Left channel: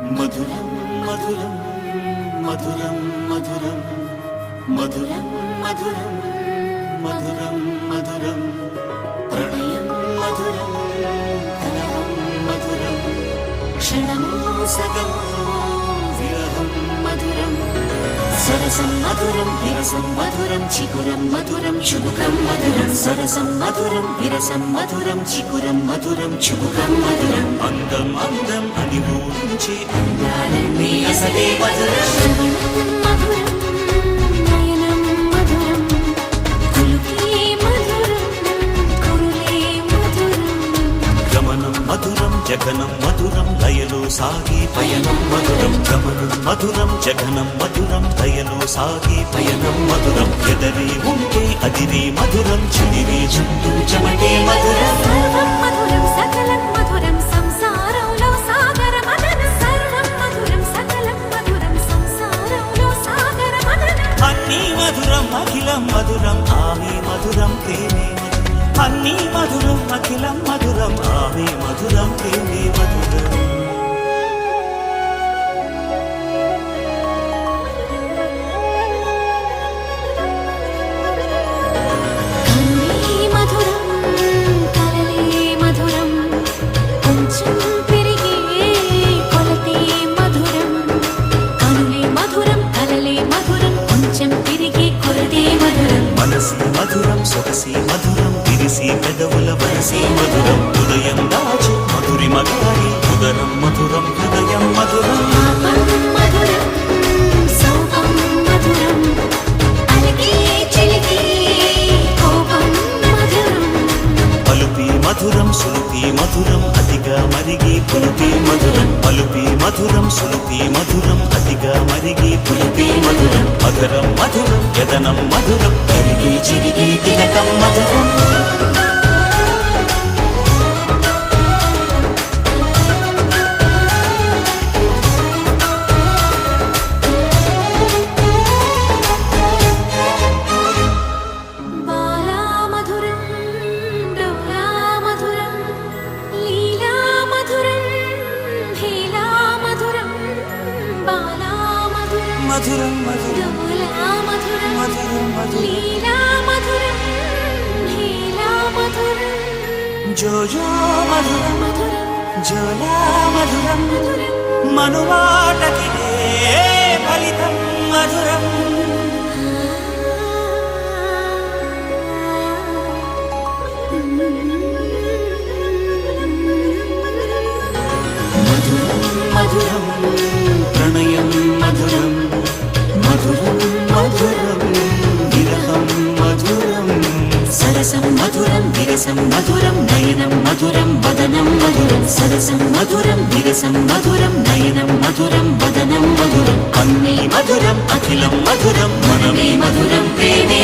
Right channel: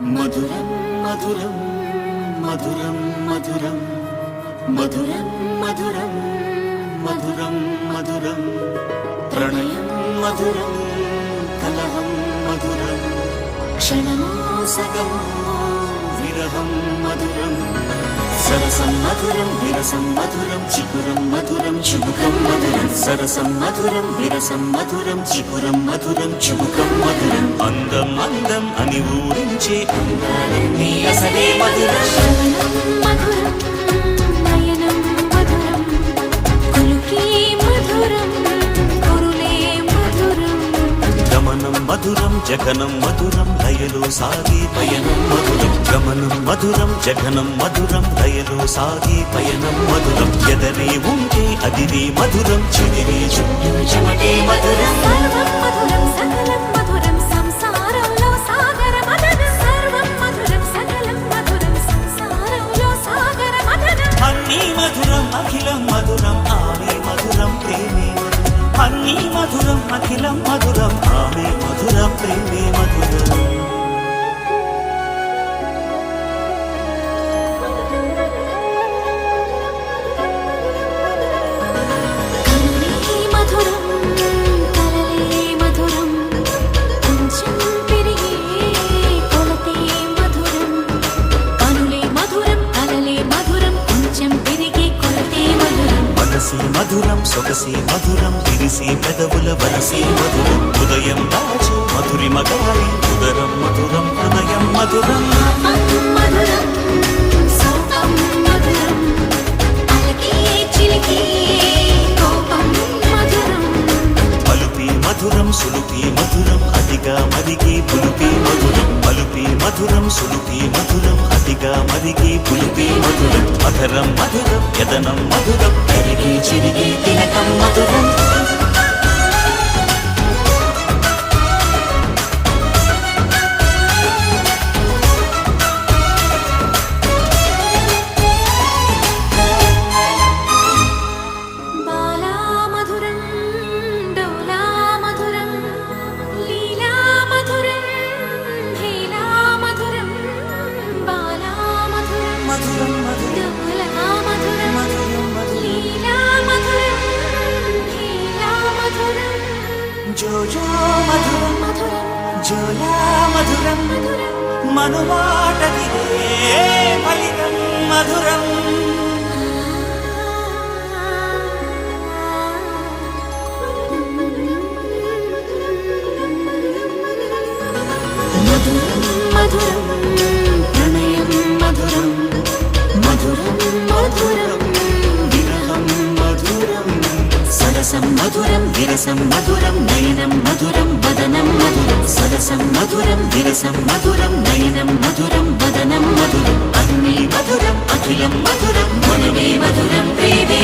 మధురం మధురం మధురం మధురం మధురం మధురం మధురం మధురం ప్రణయం మధురం కలహం మధురం క్షణమో సగమో విరహం మధురం సరసం మధురం విరసం మధురం చికురం మధురం చుబుకం మధురం సరసం మధురం విరసం మధురం చికురం మధురం చుబుకం మధురం అందం అందం అని ఊరించే అందాలన్నీ అసలే మధురం శ్రవణం మధురం నయనం మధురం కులుకే మధురం కురులే మధురం గమనం మధురం జగనం మధురం లయలో సాగే పయనం మధురం గమనం మధురం జగనం మధురం లయలో సాగే పయనం మధురం ఎదరే ఉంటే అదిరే మధురం చెదిరే చుట్టూ చెమటే మధురం సర్వం మధురం సకలం మధురం సంసారంలో సాగర మదనం సర్వం మధురం సకలం మధురం సంసారంలో సాగర మదనం అన్నీ మధురం అఖిలం మధురం ఆమె మధురం ప్రేమే మధురం అన్నీ మధురం అఖిలం మధురం ఆమె మధురం ప్రేమే మధురం కన్నే మధురం కలలే మధురం కొంచెం పెరిగే కొలతే మధురం కనులే మధురం కలలే మధురం కొంచెం పెరిగే కొలతే మధురం మనసి మధురం సొగసి మధురం విరిసి పెదవుల వరసి మధురం ఉదయం దాచు మధురి మగాడి ఉదరం మధురం హృదయం మధురం పాపం మధురం సోపం మధురం అలకే చిలికే కోపం మధురం పలుపి మధురం సులుపి మధురం అతిగా మరిగి పులుపి మధురం పలుపి మధురం సులుపి మధురం అతిగా మరిగి పులుపి మధురం మధురం మధురం యదనం మధురం కరిగి చిరిగి తిలకం మధురం బాలా మధురం డోలా మధురం లీలా మధురం హేలా మధురం బాలా మధురం మధురం మధురం డోలా మధురం మధురం మధురం లీలా మధురం హేలా మధురం జోజో మధురం మధురం జోలా మధురం మధురం మనుమాటకిదే ఫలితం మధురం మధురం మధురం ప్రణయం మధురం మధురం మధురం విరహం మధురం సరసం మధురం విరసం మధురం నయనం మధురం వదనం మధురం సరసం మధురం విరసం మధురం నయనం మధురం వదనం మధురం అన్నీ మధురం అఖిలం మధురం మనమే మధురం ప్రేమే